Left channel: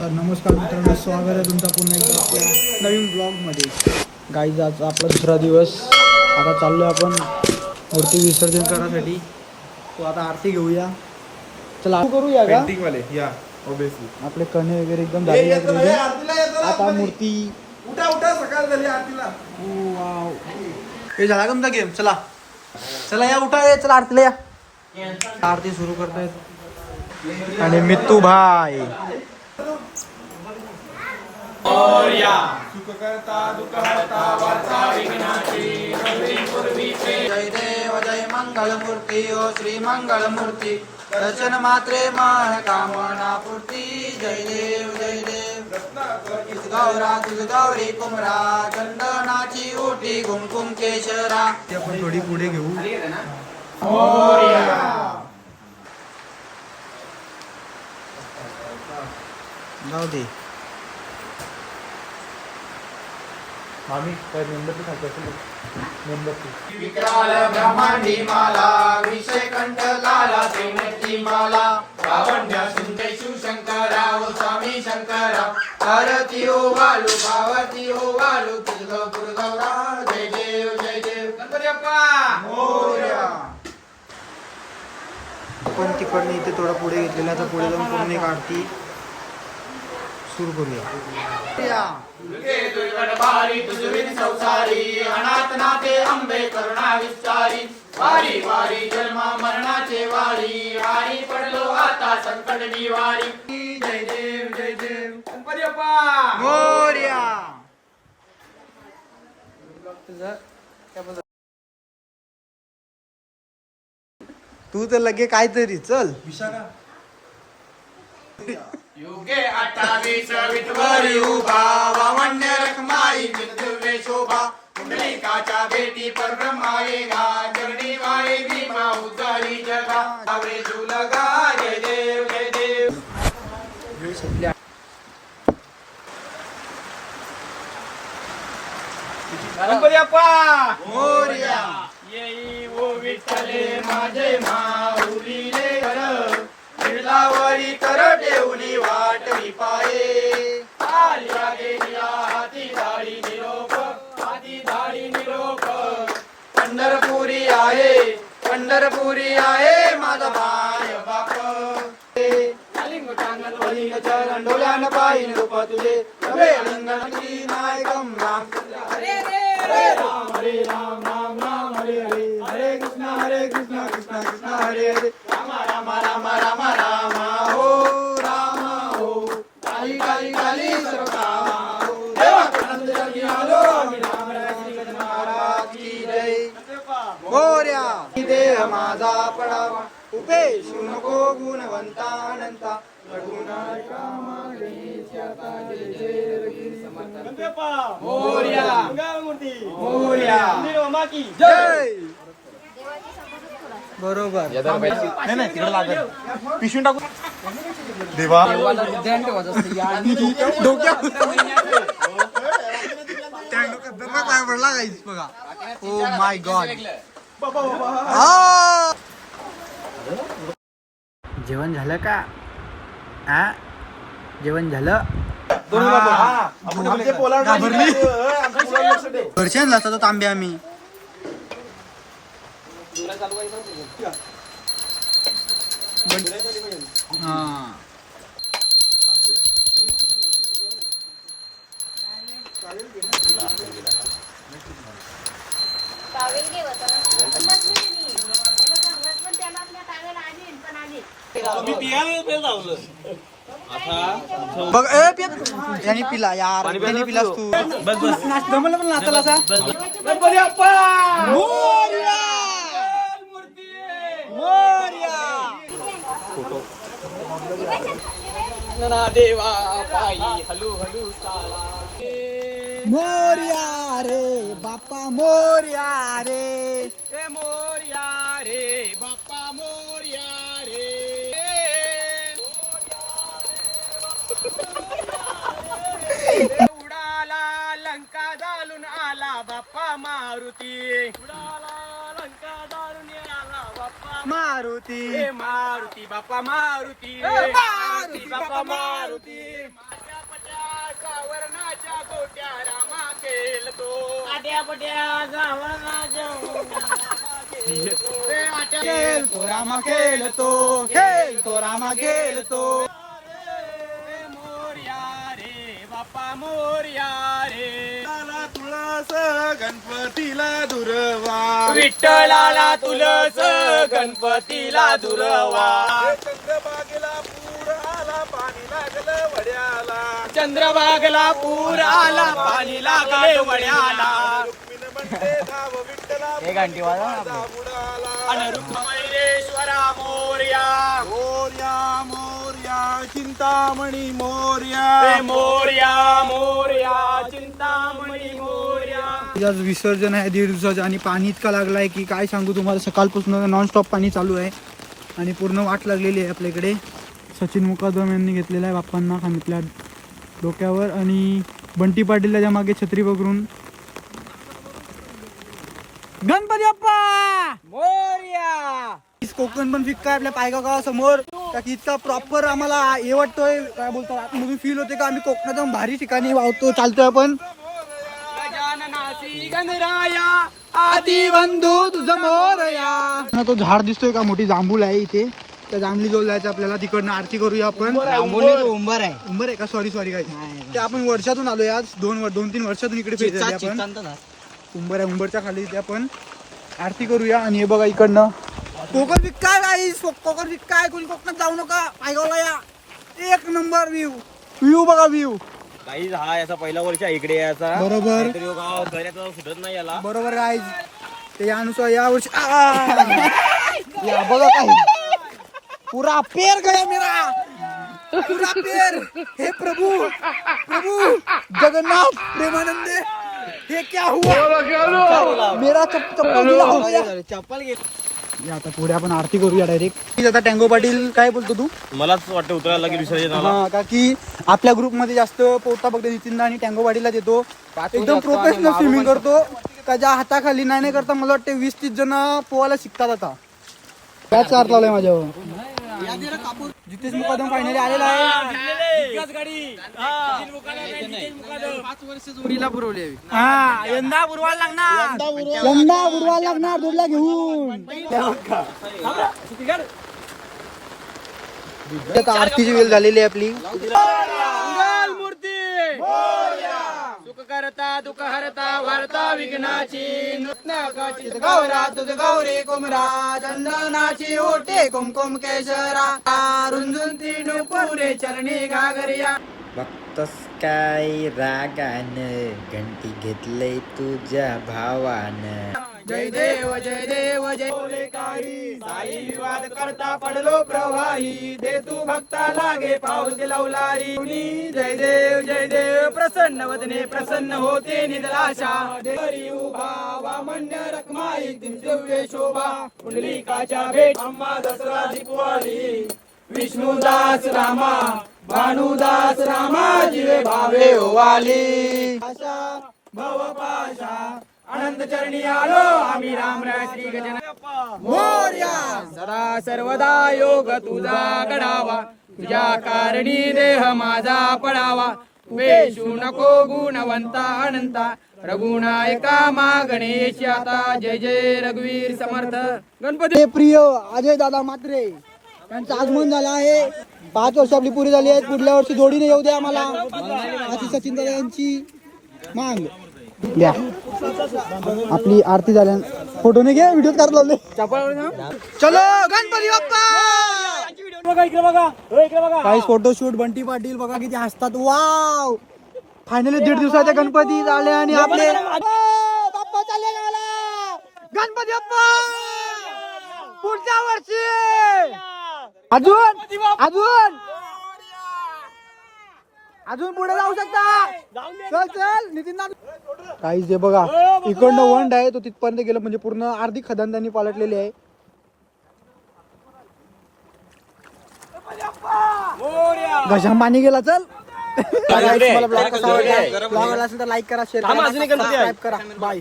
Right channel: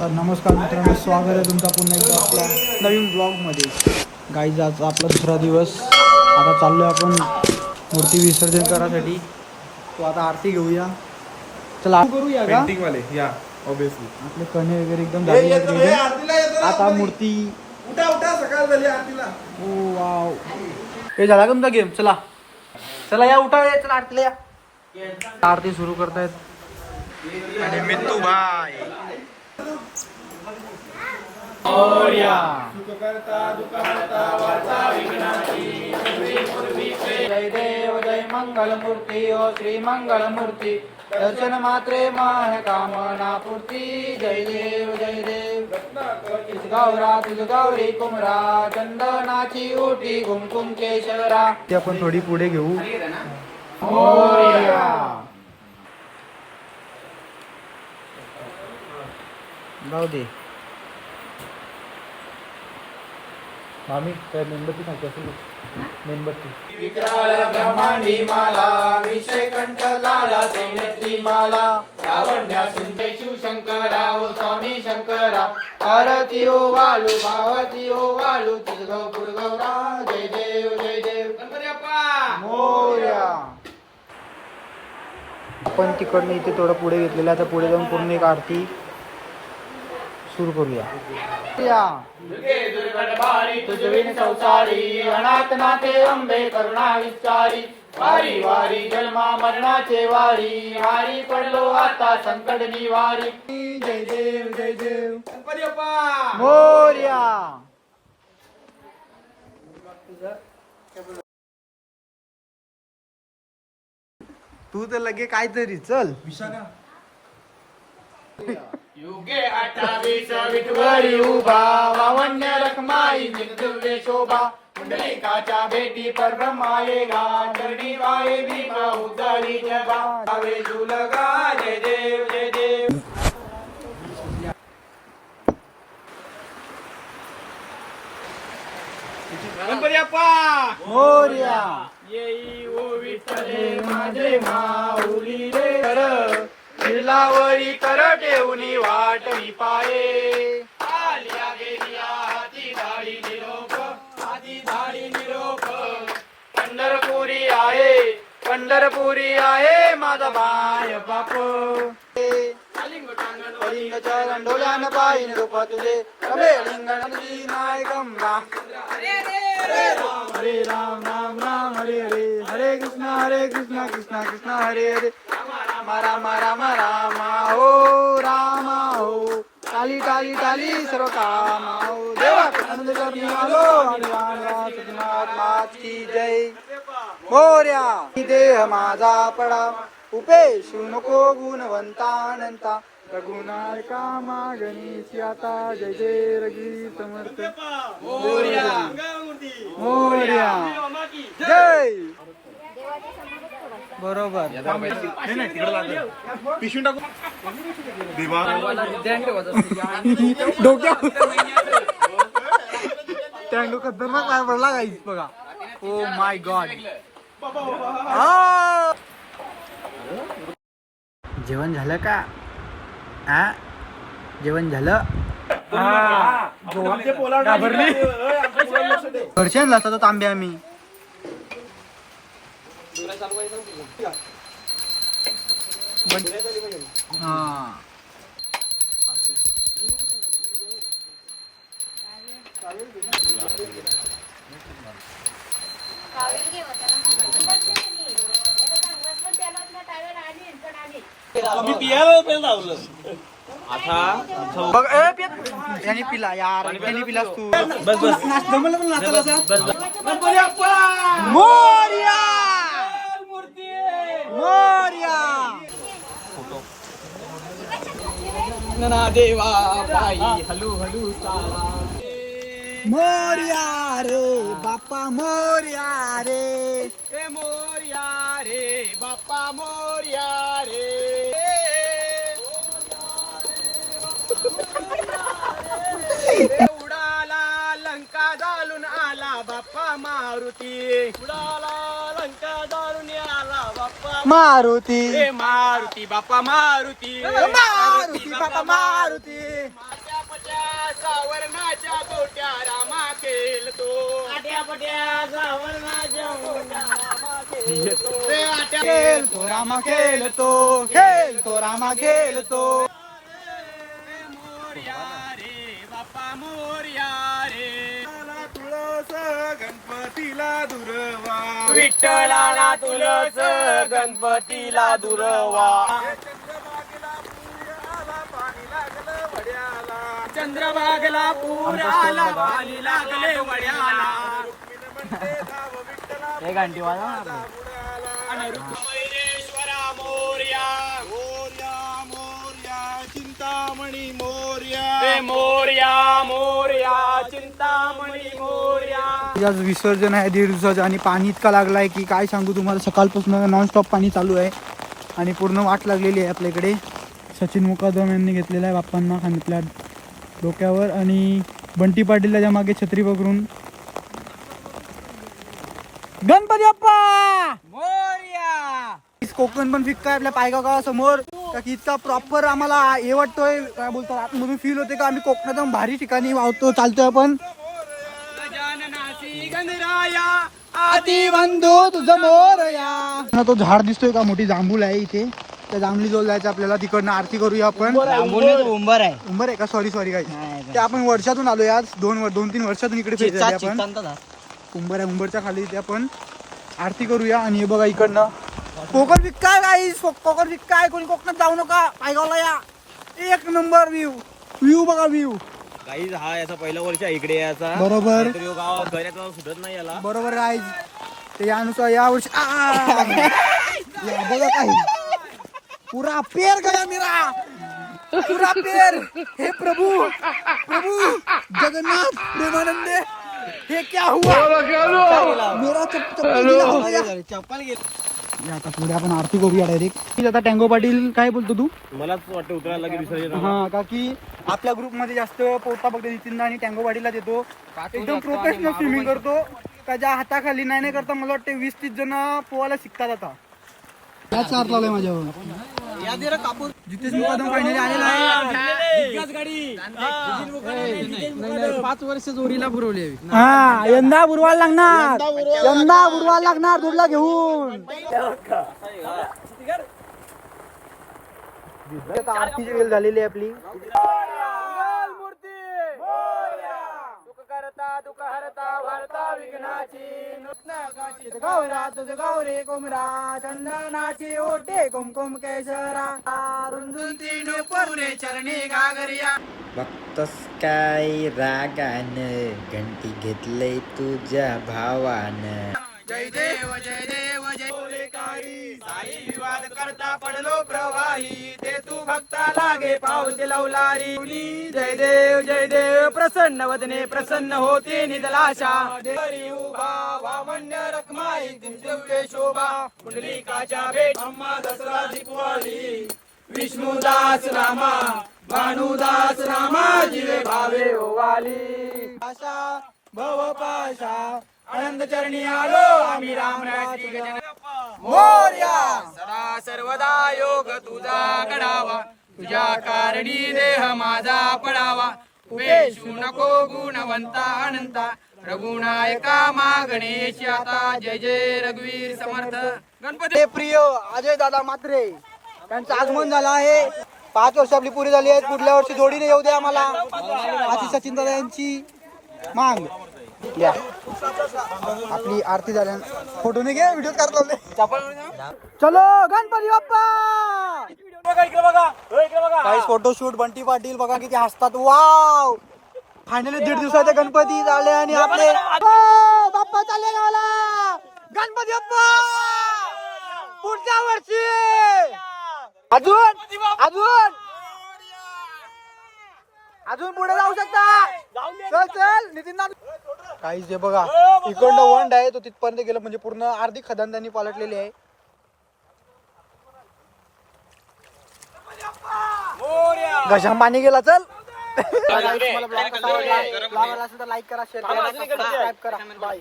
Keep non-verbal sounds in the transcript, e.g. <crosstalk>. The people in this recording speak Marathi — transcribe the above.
तर नमस्कार मित्रांनो स्वागत आहे तुमचा पुन्हा एकदा आपल्या नवीन ब्लॉगमध्ये गाईज आज आपला दुसरा दिवस. आता चाललो आहे आपण मूर्ती विसर्जन करायसाठी. तो आता आरती घेऊया. चला करूया का? पेंटिंग वाले या ऑब्विसली आपले कणे वगैरे एकदम झाले. आता मूर्ती उठा उठा सकाळ झाली आरतीला. Oh wow. हे झाला का तुमचा गेम चला. चला या उठा या चला आरतीला या. आरती सुरू करतायत. आणि मित्तू भाई. जय देव जय मंगल मूर्ती ओ श्री मंगल मूर्ती दर्शन मात्रे माह कामना पूर्ती। जय देव जय देव। तुझ गौरा तुझ गौरी कुमरा चंदनाची ओटी कुमकुम केशरा। ते आपण थोडी पुढे घेऊ. जाऊ दे. आम्ही काय मेणबत्ती खायची असेल मेणबत्ती. विक्राल ब्रह्मांडी माला विषय कंठ लाला त्रिनेत्री माला. लावण्या सुंदर शिवशंकरा ओ स्वामी शंकरा. आरती ओ वालू भावती ओ वालू तुझ गौर गौरा जय देव जय देव. गणपती बाप्पा! मोरया. आपण तिकडनं इथे थोडं पुढे घेतलेलं आता पुढे जाऊन पूर्ण एक आरती सुरू करूया. या. तुझविन संसारी अनाथ नाथे अंबे करुणा विस्तारी. वारी वारी जन्मा मरणाचे वारी. वारी पडलो आता संकट निवारी. जय देव जय देव. गणपती मोर्या. तू तर लगे काहीतरी चल. युगे अठ्ठावीस विठवरी उभा वावण्य रखमाई दिव्य शोभा. पुंडलिकाच्या भेटी पर चरणी वाळे भीमा उदळी जगा. जय देव जय देव. गणपती बाप्पा मोर्या. येई ओ विठ्ठले माझे माऊली रे. कर कर ठेवली वाट मी पाये आलिया गेलिया हाती धाडी निरोप हाती धाडी निरोप. पंढरपुरी आहे पंढरपुरी आहे माझा बाय बाप. चरण डोळ्यान पाहिन रूप तुझे. अबे लिंगण नायकम राम हरे राम हरे राम राम राम हरे हरे हरे कृष्ण कृष्ण कृष्ण हरे हरे. राम राम राम राम राम हो राम हो. काली काली काली सर्व काम हो. देवा महाराज की जय. मोर्या देह माझा पडा. उपेशू नको गुणवंतानंता रघुनाय कामा गणेश आता जय जय रघुरी समर्थ. मोरया. मोर्या जय. बरोबर. पिशवी टाकू देवा. खतरनाक पाय पडला काहीच बघा. ओ माय गॉड जेवण झालं का? आ? जेवण झालं? असतात तांबे आम्ही हा टॉवेल घे होता ना पण त्याला आपल्या टॉवेल आधी पण आधी बघ ए पिया यांनी पिला यार त्यांनी पिलास तू बस बस जमलं पण नाचायला असा गणपती बाप्पा मोरया मोरया मोरया रे बाप्पा मोरया रे. ए मोर्या रे बाप्पा मोर्या रे. उडाला लंका जालून आला बाप्पा मारुती. उडाला लंका जालून आला बाप्पा मारुती. मारुती बाप्पा मारुती. मारुती बाप्पा मारुती. गोट्या रामा खेळतो आट्या खेळतो रामा खेळतो खेळतो रामा खेळतो ए मोरया रे बाप्पा मोरया रे. तुळस गणपतीला दुर्वा. विठ्ठलाला तुलस गणपतीला दुरवा चंद्रबागेला पूर आला पाणी लागलं वड्याला चंद्रभागला पूर आला पाणी लागले वड्याला. हे घंटी अन रुक्मैरेश्वरा मोरया. मोर्या मोर्या चिंतामणी मोर्या. ए मोरया मोरया चिंतामणी मोरया. आज विसर्जन आहे दीड दिवसाचं आणि पाणी इतका लागला आहे की काय सांगू तुम्हाला? सकाळपासून नॉनस्टॉप पाणी चालू आहे आणि पूर्ण वाट लागलेली आहे आपल्याकडे सचिन मुकादम यांनी घेतलेला आहे बाप्पांना खांद्यातल्या डोक्यावर आणि बंटी पाटील त्याच्यामागे छत्री पकडून. गणपती बाप्पा! मोरया! कोकण पण फिक्का आहे आपल्या पायगाव गावासमोर. का की इतका प्रॉपर आम्हाला हे वाटतोय. काय बोलतात आतमधून फील होते का? आम्ही कोकणात भारी ठिकाणी वाहतो चालतोय आपण. आदी बंधू तुझं मोरया. तो झाड दिसतोय का? मोठी जांभूळ आहे इथे. त्या जांभळी जवळ जायचं आपल्याला. तिकडनं आरती करूया आपण. उंबर आहे उंबर. आहे. का? सॉरी सॉरी काय ते आपण वर्षातून आलोय आज दोन दोन तीन वर्षातून इकडे फिरतोय आपण. उंबर आहे उंबरच्या खाली इथे आपण आरती करूया. आणि हे बघा इकडनं. कोकण विकाय गाईस कोकण विकाय कोणी कोकणात जाऊ नका. पायगावला या. एक नंबर व्ह्यू व्ह्यू बघा व्ह्यू काही हा याचा पहिला वर्ष इकडे याचा. बरोबर. सुटत नाही याला. बरोबर गाईज ते यानुसार या वर्षी आ! <laughs> या बघा काही. पुरा पेर गया मेरा। पुरा पेर। हे प्रभु प्रभु जगन्नाथ प्रेमानंदे हे क्या हुआ? मेरा चप- चप्पल गिला हो गया. चप्पल या आता पुढे आपण आरती करूया डायरेक्ट आता टँगो पाटील काय बोलतो तू? मलाच वाटतं उतरायला की विसर्जन हा, का की आपल्या ग्रुपमध्ये जास्त पोटा फक्त नितीनदा आणि टँगो पाटीलला देतो. एकदम प्रोफेशनल स्विमिंग करतो. का ज्या हाताखाली नाही नाही करता मला वाटतं वीस तीस जण पोहायला शिकतात आता. त्याच कार लावलाय माझ्यावर. जितेश मुकादम फायनली आलेला आहे. पाच वर्ष जोरीला पुरवली हा यंदा बुरवायला लागणार. यंदा बुरवायला लागणार. दूरला घेऊन. आरतीची वेळ झालेली आहे आपली मूर्ती सुख करता दुःख हरता वार्ता विघ्नाची. नृत्नाकाची गौरा तुझ गौरी कुमरा. चंदनाची ओटे कुमकुम केशरा. रुंजून तीन पुरे चरणी घागरिया. बघतोस काय रागानं घंटी घेतलंय तुझ्या भावानं. जय देव जय देव जय बोले काही साई विवाद करता पडलो प्रवाही दे तू भक्ता लागे पाऊस लवलारी. जय देव जय देव प्रसन्न वदने प्रसन्न होते निदलाशा. देवरी उभा वामन्य रखमाई दिव्य शोभा. पुंडलिकाच्या भेट अम्मा दसरा दीपवाली विष्णुदास रामा भानुदास रामा जिवे भावे ओवाली. आशा भवपाशा आनंद चरणी आलो. आम्ही राम श्री गजानन. मोर्या. सदा सर्वदा योग तुझा घडावा तुझ्या कारणी देह माझा पडावा. वेशू नको गुणवंता अनंता. रघुनायका मा गणेश आता. जय जय रघुवीर समर्थ. गणपती. प्रिय अजय दादा मात्रे त्यांचं आगमन झालं आहे. पाच वर्ष आपली पुरी झाली आहे पुढल्या वर्षी जोडीने येऊ द्या आम्हाला. आधी सचिन दादा यांची मांग. आपली आरती झाल्या. फोटो नाही घ्या व्हिडिओ काढ लावले चलो गणपती बाप्पा! काही फोटोशूट बंटी पाटील बघा किती हसतात. वाव फायनली दीड दिवसाच्या गणपती झाले आणि आपले हो, गणपती पुढच्या वर्षी! अजून अजून! अजून पुढे जाऊ शकता. चल चल नितीन काहीच दे बघा. इकडनं वंड आहे तो तिथपर्यंत गेलो. म्हणजे पूर्ण अर्धी खदान त्यांनी पालटलेली आहे. घशाम पाणी गेला चल. तुम्हाला ब्लॉग कसा वाटला? ब्लॉग आवडला असेल तर लाईक करा शेअर करा सबस्क्राईब करा. बाय